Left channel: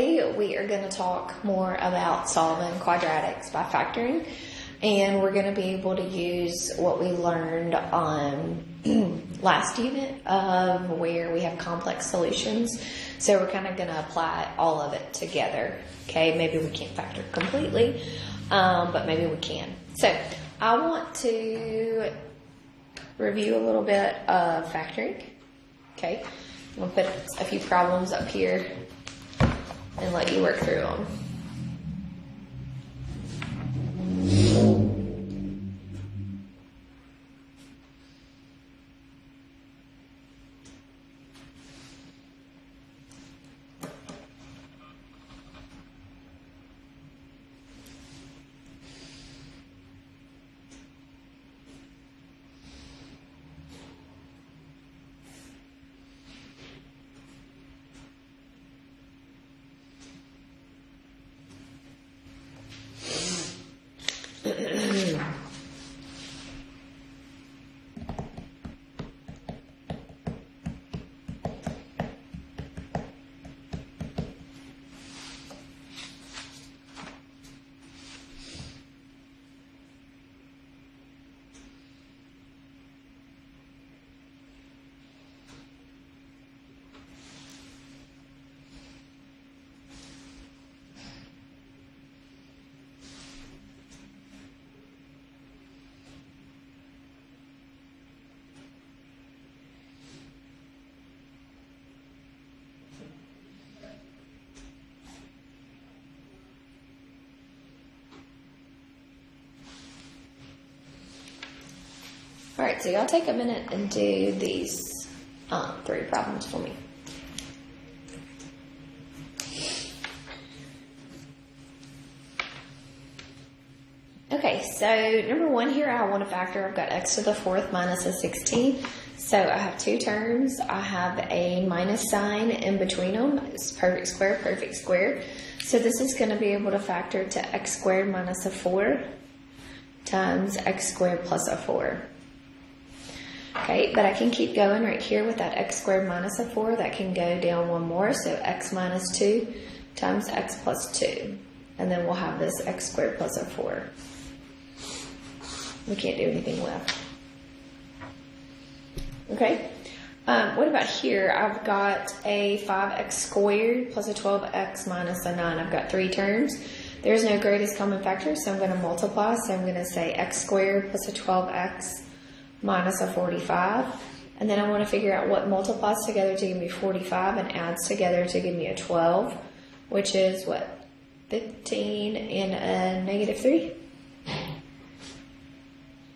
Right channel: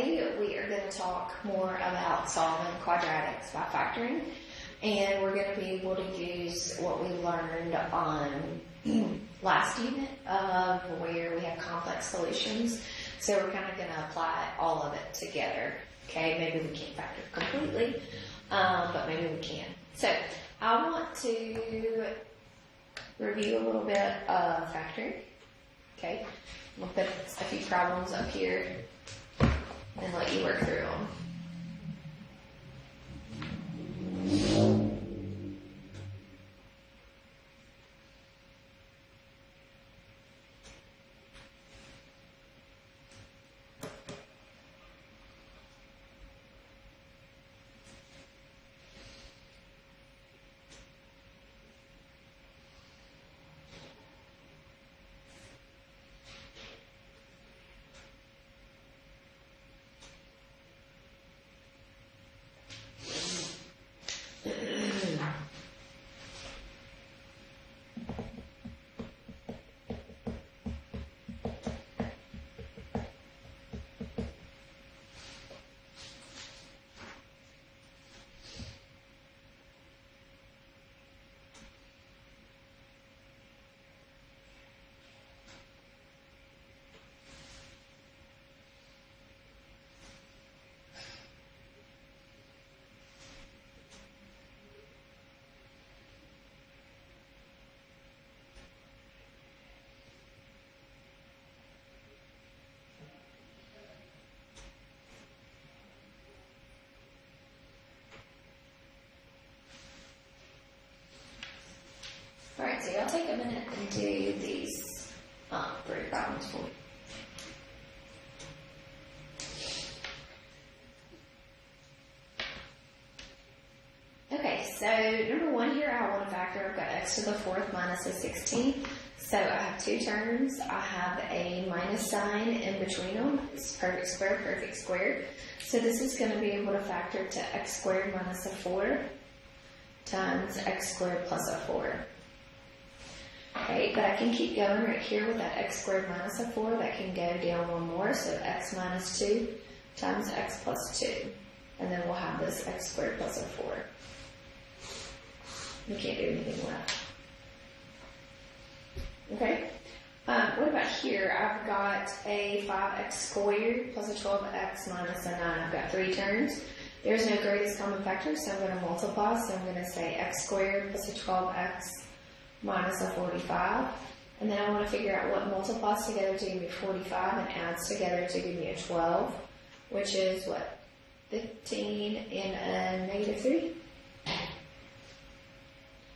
today we are going to talk more about solving quadratics by factoring, and we're going to be able to use what we learned on last unit of where we have complex solutions. So we're kind of going to apply all of it together. Okay, maybe we can't factor completely, but maybe we can. So I want to review a little bit of factoring. Okay, I'm going to put a few problems up here and let you work through them. Alright, so y'all take a minute and do these 3 problems for me. Okay, so number 1 here, I want to factor. I've got x to the 4th minus a 16. So I have 2 terms. I have a minus sign in between them. It's perfect square. So this is going to be able to factor to x squared minus a 4 times x squared plus a 4. Okay, but I can keep going right here with that x squared minus a 4. That can go down one more, so x minus 2 times x plus 2. And then we'll have this x squared plus a 4. We can't do anything left. Okay, what about here? I've got a 5x squared plus a 12x minus a 9. I've got 3 terms. There's no greatest common factor, so I'm going to multiply. So I'm going to say x squared plus a 12x minus a 45, and then I want to figure out what multiplies together to give me 45 and adds together to give me a 12, which is what, 15 and a negative 3?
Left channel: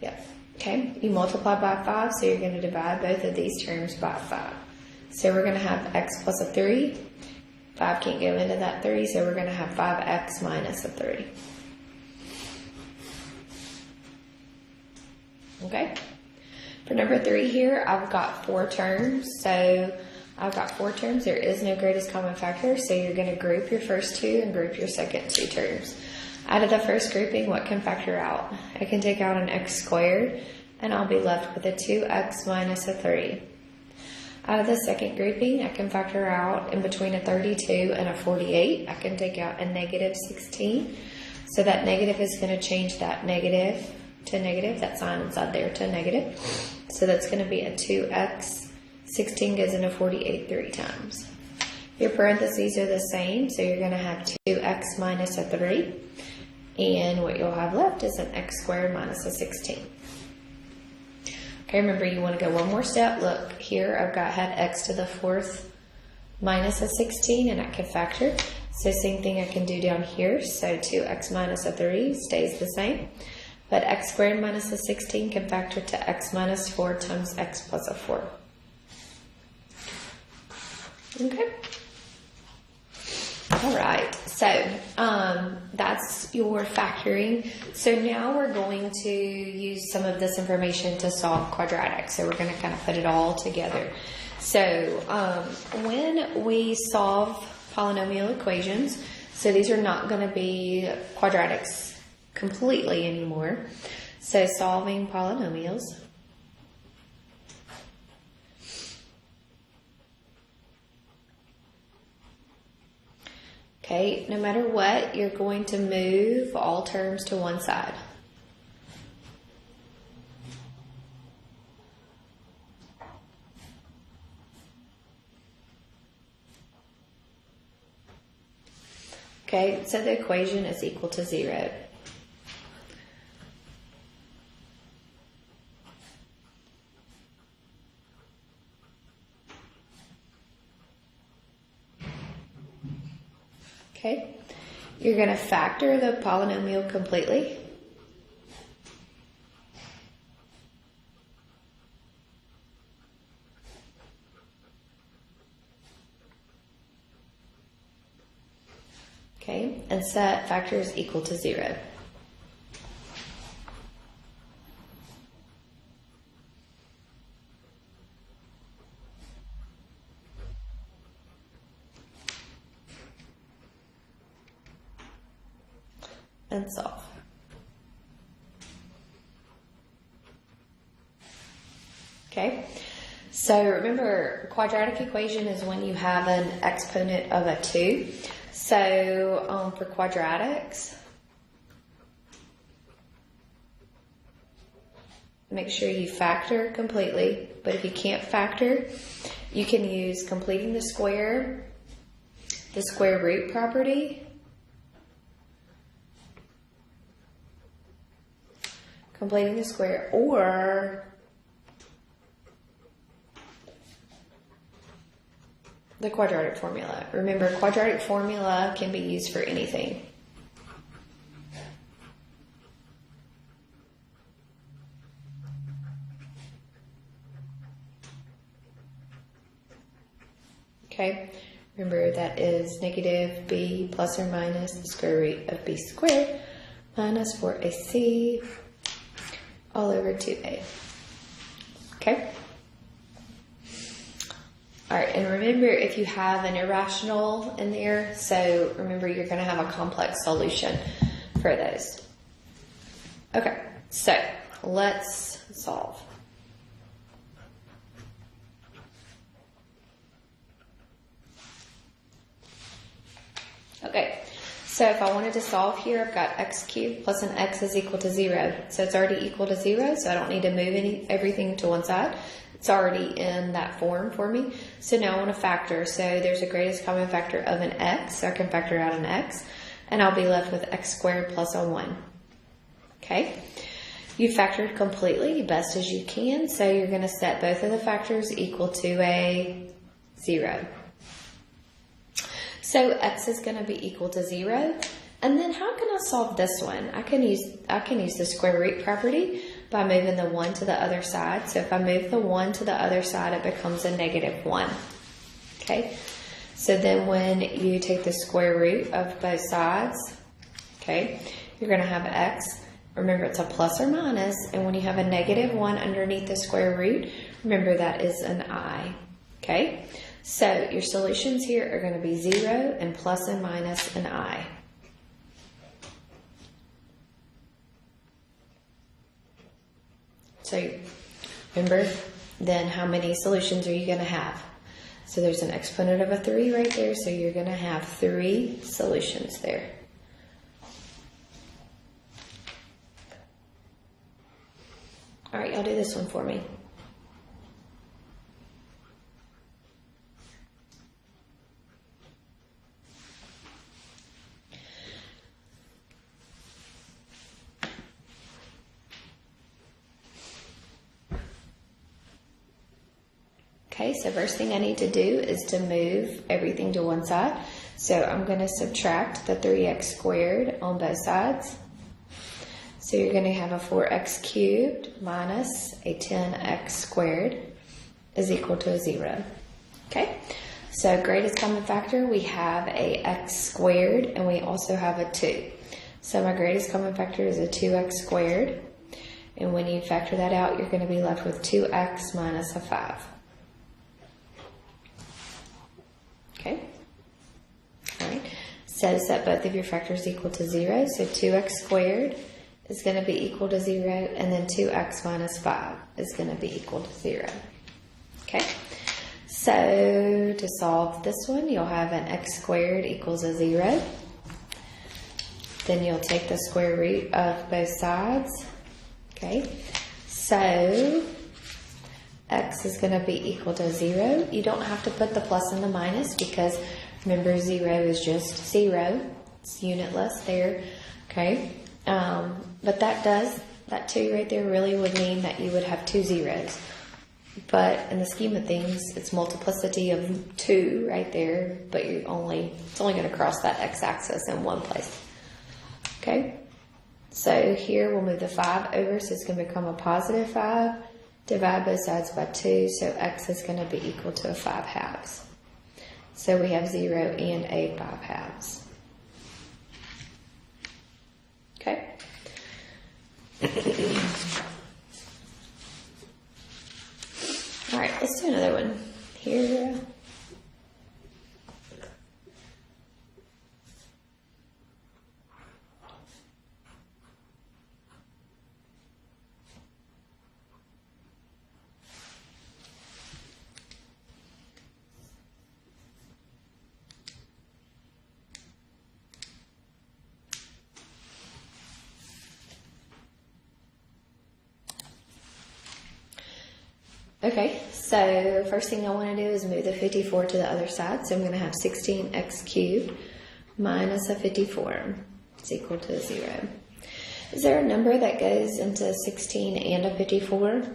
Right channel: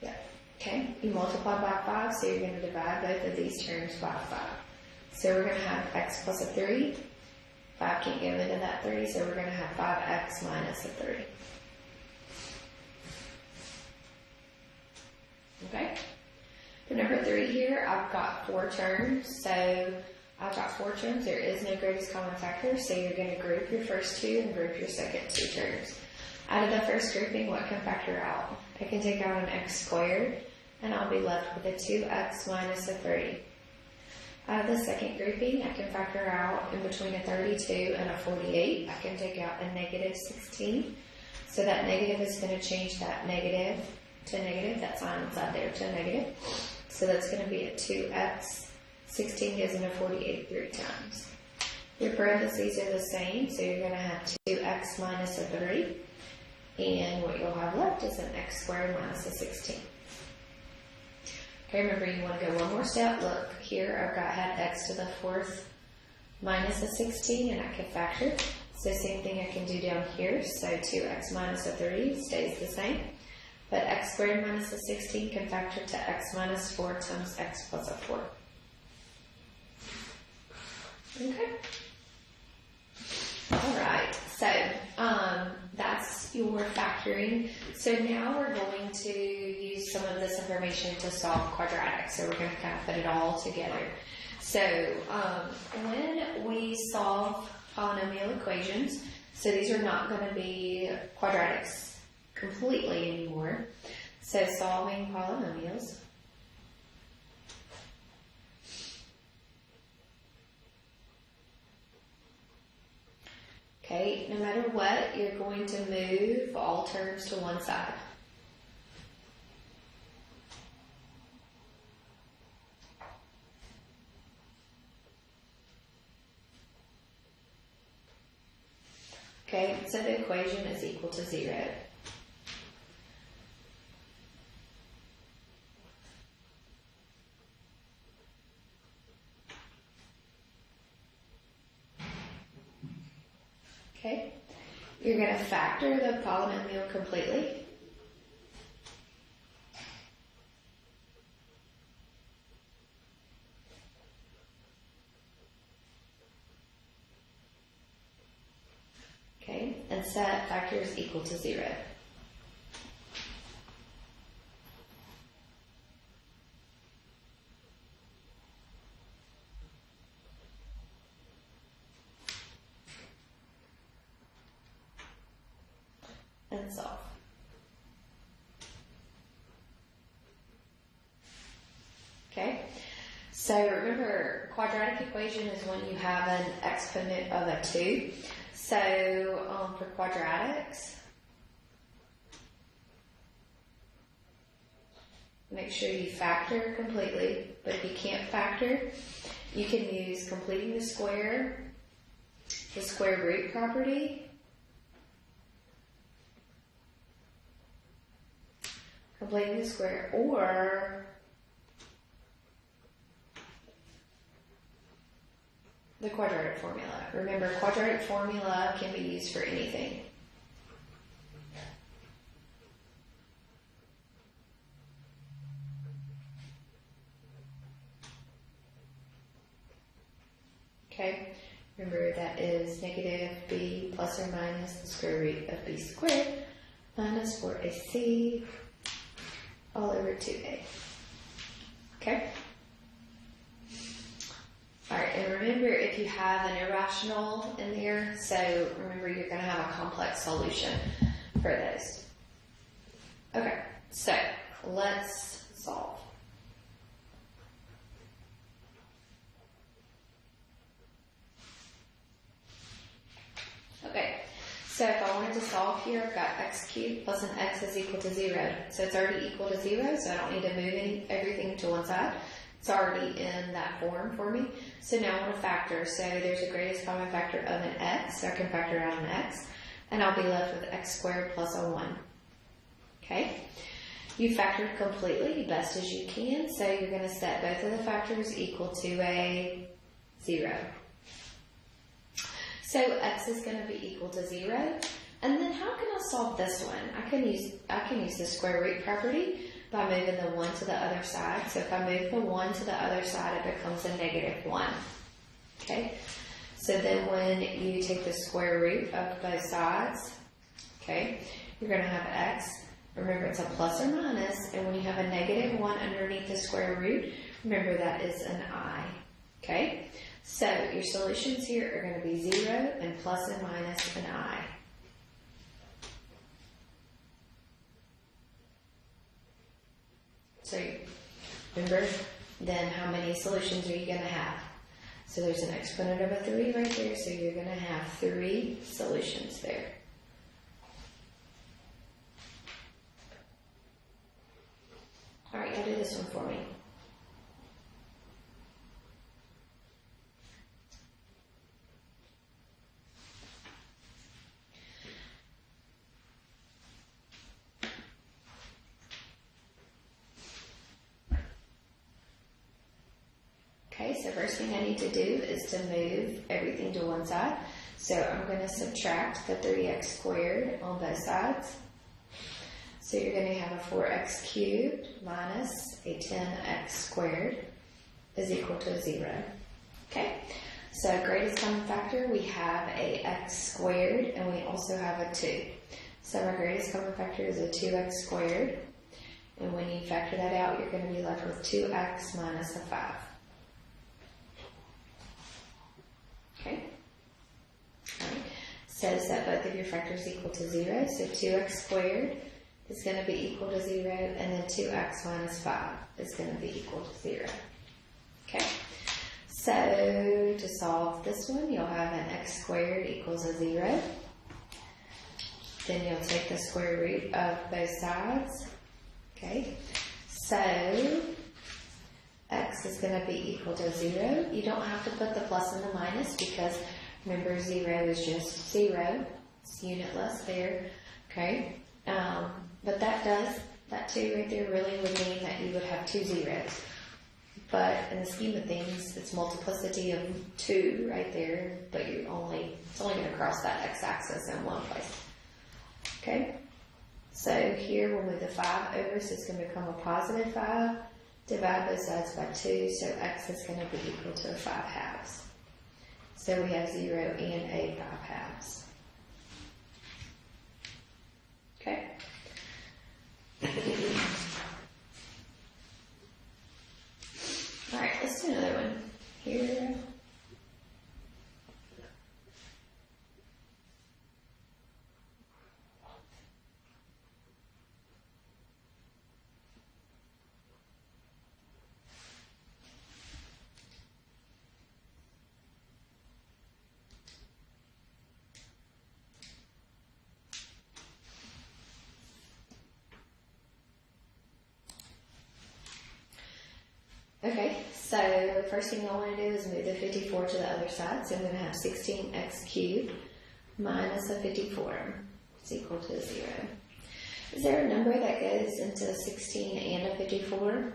Yeah, okay, you multiply by 5, so you're going to divide both of these terms by 5. So we're going to have x plus a 3, 5 can't go into that 3, so we're going to have 5x minus a 3. Okay? For number 3 here, I've got 4 terms. So I've got 4 terms. There is no greatest common factor. So you're going to group your first 2 and group your second 2 terms. Out of the first grouping, what can factor out? I can take out an x squared, and I'll be left with a 2x minus a 3. Out of the second grouping, I can factor out in between a 32 and a 48. I can take out a negative 16. So that negative is going to change that negative to negative, that sign inside there to negative. So that's going to be a 2x, 16 goes into 48 3 times. Your parentheses are the same, so you're going to have 2x minus a 3. And what you'll have left is an x squared minus a 16. Okay, remember you want to go one more step. Look, here I've had x to the 4th minus a 16, and I can factor. So same thing I can do down here. So 2x minus a 3 stays the same. But x squared minus a 16 can factor to x minus 4 times x plus a 4. Okay. All right. So that's your factoring. So now we're going to use some of this information to solve quadratics. So we're going to kind of put it all together. So when we solve polynomial equations, so these are not going to be quadratics completely anymore. So solving polynomials. Okay, no matter what, you're going to move all terms to one side. Okay, so the equation is equal to 0. Okay, you're going to factor the polynomial completely. Okay, and set factors equal to 0. And solve. Okay, so remember, quadratic equation is when you have an exponent of a 2. So for quadratics, make sure you factor completely, but if you can't factor, you can use completing the square root property, completing the square, or the quadratic formula. Remember, quadratic formula can be used for anything. Okay, remember that is negative b plus or minus the square root of b squared minus 4ac all over 2a. Okay? Alright, and remember, if you have an irrational in there, so remember you're going to have a complex solution for those. Okay, so let's solve. Okay, so if I wanted to solve here, I've got x cubed plus an x is equal to 0. So it's already equal to 0, so I don't need to move everything to one side. It's already in that form for me. So now I want to factor. So there's a greatest common factor of an x, so I can factor out an x, and I'll be left with x squared plus a 1. Okay? You factored completely, best as you can, so you're going to set both of the factors equal to a 0. So x is going to be equal to 0. And then how can I solve this one? I can use the square root property by moving the 1 to the other side. So if I move the 1 to the other side, it becomes a negative 1. Okay? So then when you take the square root of both sides, okay, you're going to have x. Remember, it's a plus or minus, and when you have a negative 1 underneath the square root, remember that is an I. Okay? So your solutions here are going to be 0 and plus and minus an I. So remember, then how many solutions are you going to have? So there's an exponent of a 3 right there, so you're going to have 3 solutions there. All right, y'all do this one for me. Okay, so first thing I need to do is to move everything to one side. So I'm going to subtract the 3x squared on both sides. So you're going to have a 4x cubed minus a 10x squared is equal to a 0. Okay, so greatest common factor, we have a x squared and we also have a 2. So my greatest common factor is a 2x squared. And when you factor that out, you're going to be left with 2x minus a 5. Okay, all right, so set both of your factors equal to 0, so 2x squared is going to be equal to 0, and then 2x minus 5 is going to be equal to 0. Okay, So to solve this one, you'll have an x squared equals a 0. Then you'll take the square root of both sides. Okay, so x is going to be equal to 0. You don't have to put the plus and the minus because remember 0 is just 0. It's unitless there. Okay, but that 2 right there really would mean that you would have 2 zeros. But in the scheme of things, it's multiplicity of 2 right there, but it's only going to cross that x-axis in one place. Okay, so here we'll move the 5 over, so it's going to become a positive 5. Divide both sides by 2, so x is going to be equal to a 5 halves. So we have 0 and a 5 halves. Okay. All right, let's do another one. Here. Okay, so first thing I want to do is move the 54 to the other side. So I'm going to have 16x cubed minus a 54 is equal to 0. Is there a number that goes into 16 and a 54?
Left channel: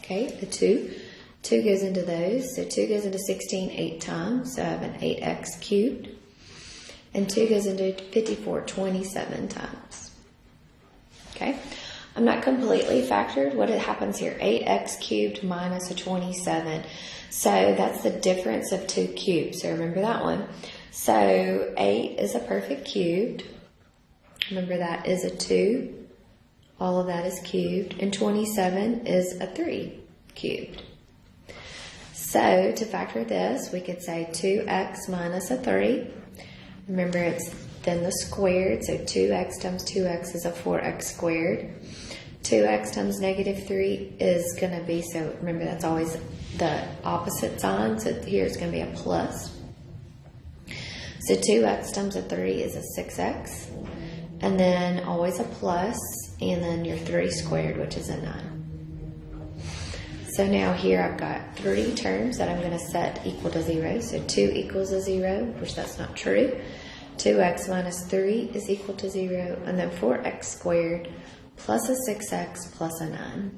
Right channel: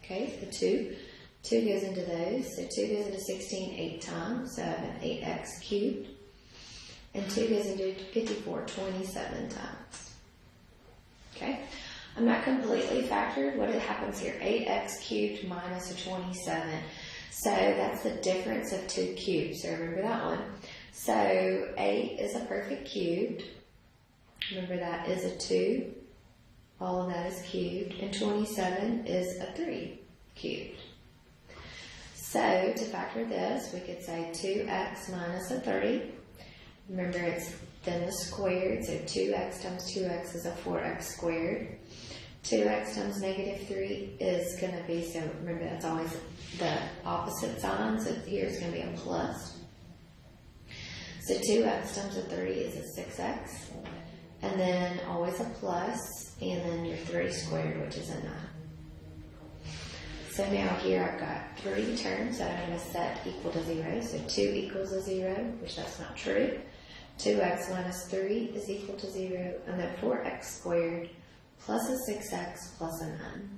Okay, the 2. 2 goes into those. So 2 goes into 16 8 times. So I have an 8x cubed. And 2 goes into 54 27 times. Okay. I'm not completely factored. What happens here? 8x cubed minus a 27. So that's the difference of 2 cubes. So remember that one. So 8 is a perfect cubed. Remember that is a 2. All of that is cubed. And 27 is a 3 cubed. So to factor this, we could say 2x minus a 3. Remember it's then the squared. So 2x times 2x is a 4x squared. 2x times negative 3 is going to be, so remember that's always the opposite sign, so here it's going to be a plus. So 2x times a 3 is a 6x, and then always a plus, and then your 3 squared, which is a 9. So now here I've got 3 terms that I'm going to set equal to 0, so 2 equals a 0, which that's not true. 2x minus 3 is equal to 0, and then 4x squared plus a 6x plus a 9.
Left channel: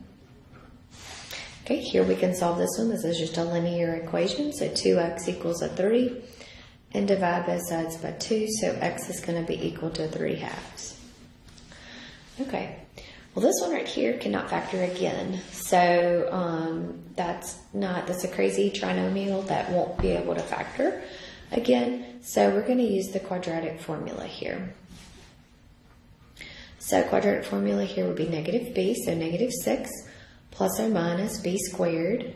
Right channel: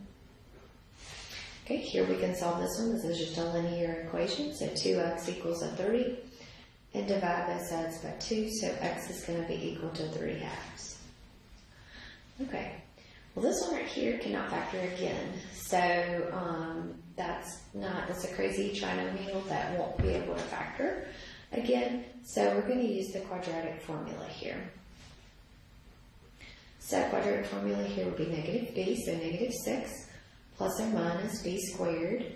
Okay, here we can solve this one. This is just a linear equation. So 2x equals a 3. And divide both sides by 2. So x is going to be equal to 3 halves. Okay. Well, this one right here cannot factor again. So that's a crazy trinomial that won't be able to factor again. So we're going to use the quadratic formula here. So quadratic formula here would be negative b, so negative 6 plus or minus b squared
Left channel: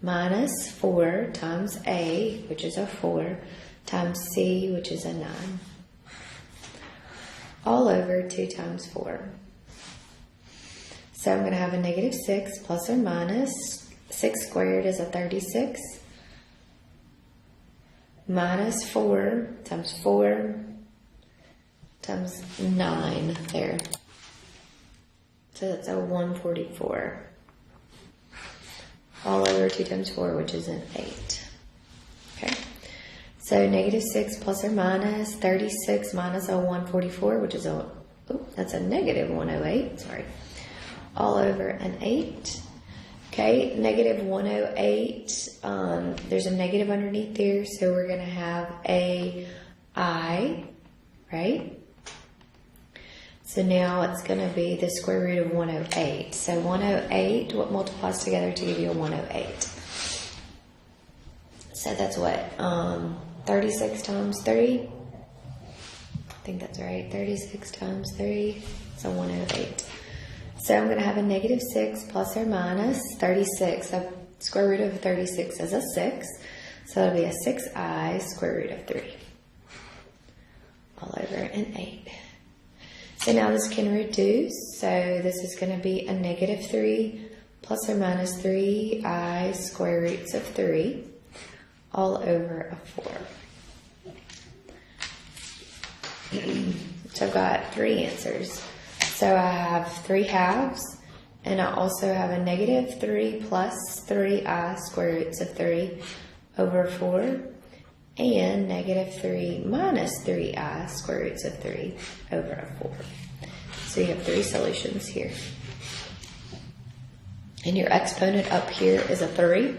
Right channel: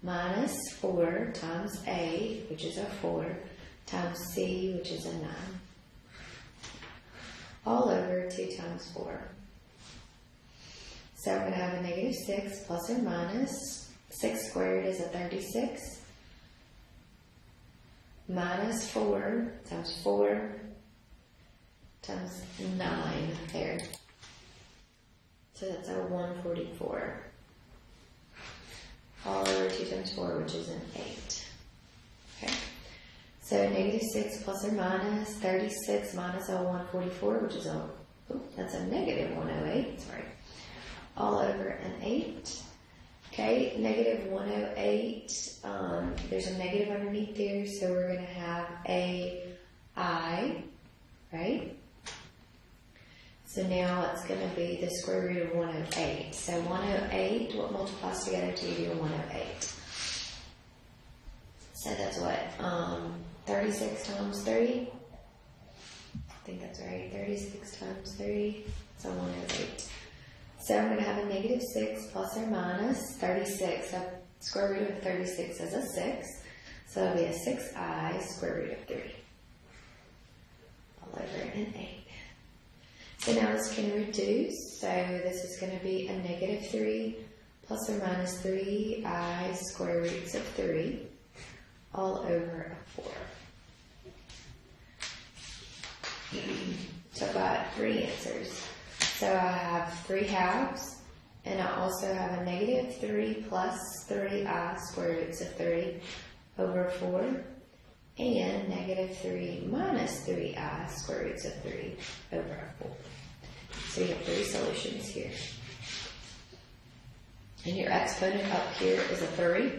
minus 4 times a, which is a 4, times c, which is a 9, all over 2 times 4. So I'm going to have a negative 6 plus or minus 6 squared is a 36 minus 4 times 4 times 9 there. So that's a 144. All over 2 times 4, which is an 8. Okay. So negative 6 plus or minus 36 minus a 144, which is that's a negative 108. Sorry. All over an 8. Okay, negative 108. There's a negative underneath there, so we're going to have a I, right? So now it's going to be the square root of 108. So 108, what multiplies together to give you a 108? So that's what? 36 times 3? I think that's right. 36 times 3. So 108. So I'm going to have a negative 6 plus or minus 36. So square root of 36 is a 6. So that'll be a 6i square root of 3. All over an 8. So now this can reduce, so this is going to be a negative 3 plus or minus 3i square roots of 3 all over a 4. So I've got 3 answers. So I have 3 halves, and I also have a negative 3 plus 3i square roots of 3 over 4, and negative 3 minus 3i square roots of 3 over a 4. So you have 3 solutions here. And your exponent up here is a 3.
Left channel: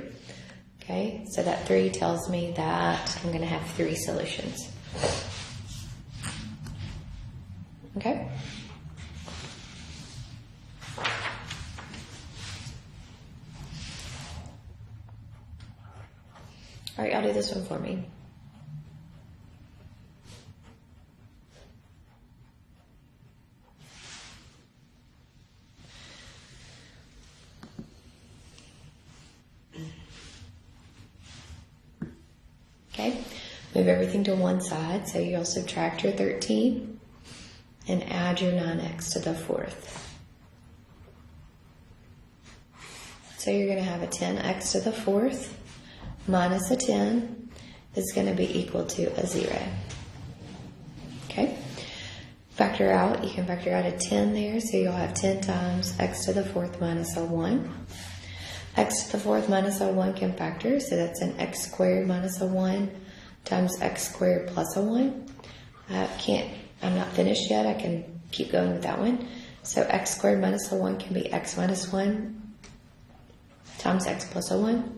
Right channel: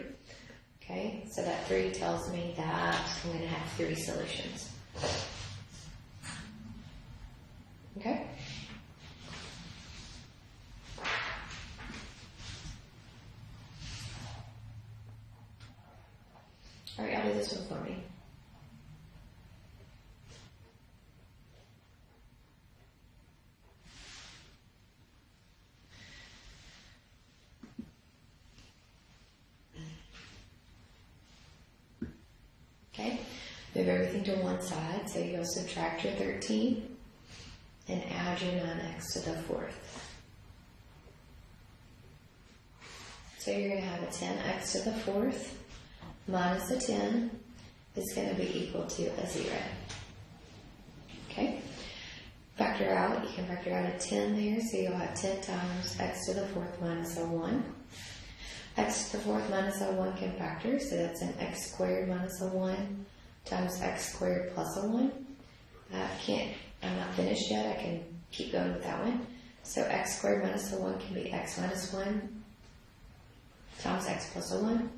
Okay, so that 3 tells me that I'm going to have 3 solutions. Okay? All right, y'all do this one for me. Okay, move everything to one side, so you'll subtract your 13 and add your 9x to the 4th. So you're going to have a 10x to the 4th minus a 10 is going to be equal to a 0. Okay? Factor out, you can factor out a 10 there, so you'll have 10 times x to the 4th minus a 1. X to the 4th minus a 1 can factor, so that's an x squared minus a 1 times x squared plus a 1. I'm not finished yet, I can keep going with that one. So x squared minus a 1 can be x minus 1 times x plus a 1.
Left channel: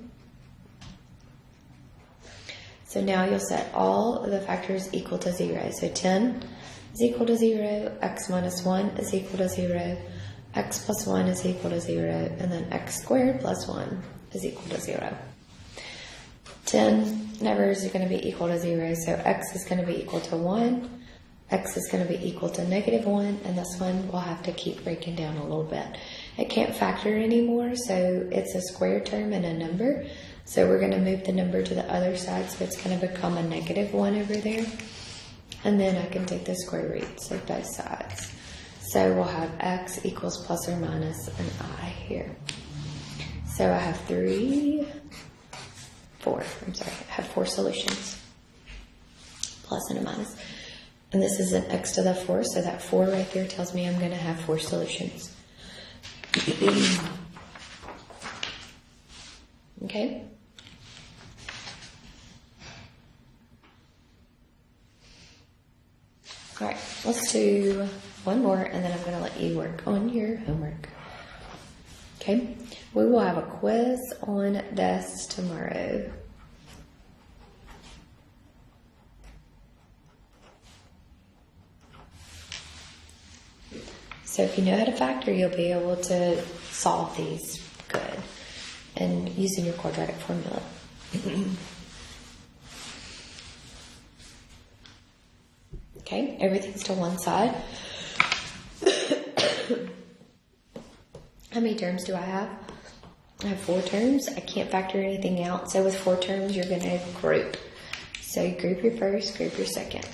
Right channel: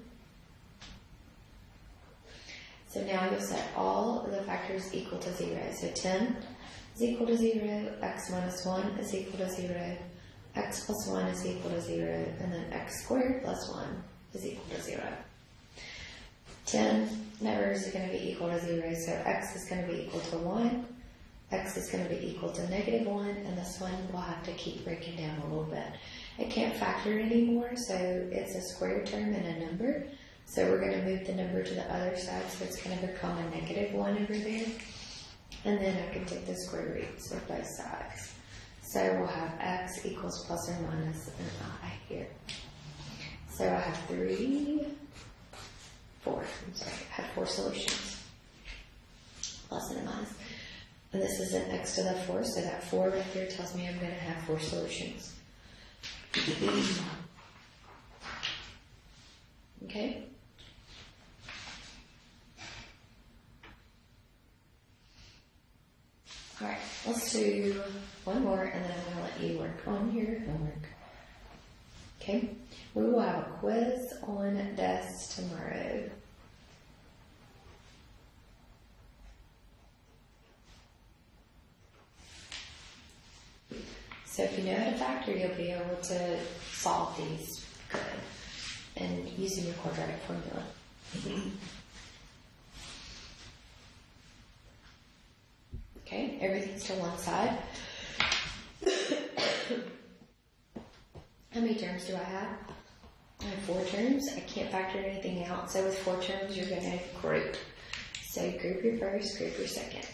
So now you'll set all of the factors equal to 0. So 10 is equal to 0, x minus 1 is equal to 0, x plus 1 is equal to 0, and then x squared plus 1 is equal to 0. 10 numbers are going to be equal to 0, so x is going to be equal to 1, x is going to be equal to negative 1, and this one will have to keep breaking down a little bit. It can't factor anymore, so it's a square term and a number. So we're going to move the number to the other side, so it's going to become a negative 1 over there. And then I can take the square roots of both sides. So we'll have x equals plus or minus an I here. So I have 4 solutions. Plus and a minus. And this is an x to the 4, so that 4 right there tells me I'm going to have 4 solutions. Okay? Alright, let's do one more and then I'm going to let you work on your homework. Okay? We will have a quiz on this tomorrow. So if you know how to factor, you'll be able to solve these good and using your quadratic formula. Okay, everything's to one side. How many terms do I have? I have 4 terms. I can't factor anything out. So with 4 terms, you're going to group. So you group your first, group your second.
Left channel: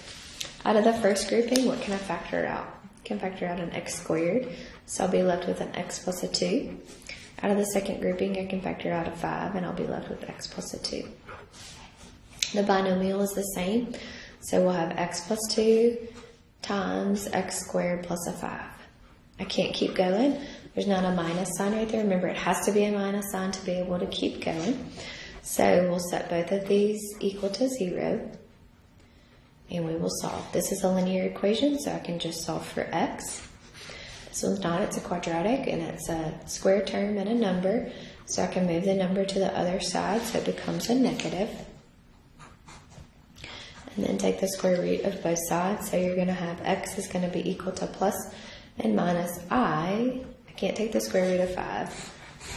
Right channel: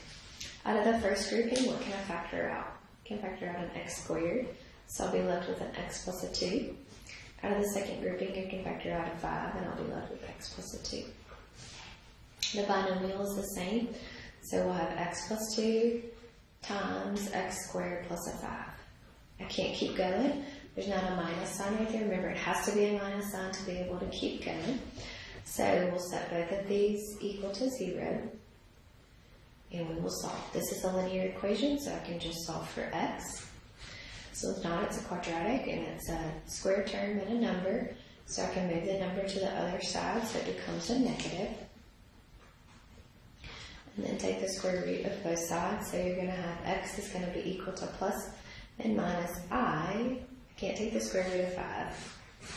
Out of the first grouping, what can I factor out? I can factor out an x squared. So I'll be left with an x plus a 2. Out of the second grouping, I can factor out a 5, and I'll be left with x plus a 2. The binomial is the same. So we'll have x plus 2 times x squared plus a 5. I can't keep going. There's not a minus sign right there. Remember, it has to be a minus sign to be able to keep going. So we'll set both of these equal to 0. And we will solve. This is a linear equation, so I can just solve for x. This one's not. It's a quadratic, and it's a square term and a number. So I can move the number to the other side, so it becomes a negative. And then take the square root of both sides. So you're going to have x is going to be equal to plus and minus I can't take the square root of 5.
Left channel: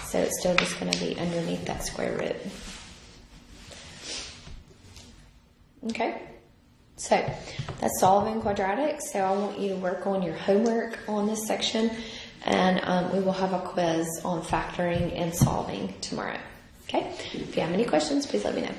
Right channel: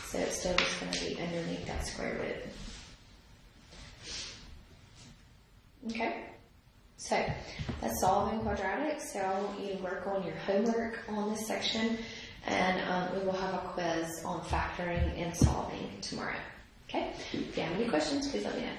So it's still just going to be underneath that square root. Okay? So that's solving quadratics. So I want you to work on your homework on this section. And we will have a quiz on factoring and solving tomorrow. Okay? If you have any questions, please let me know.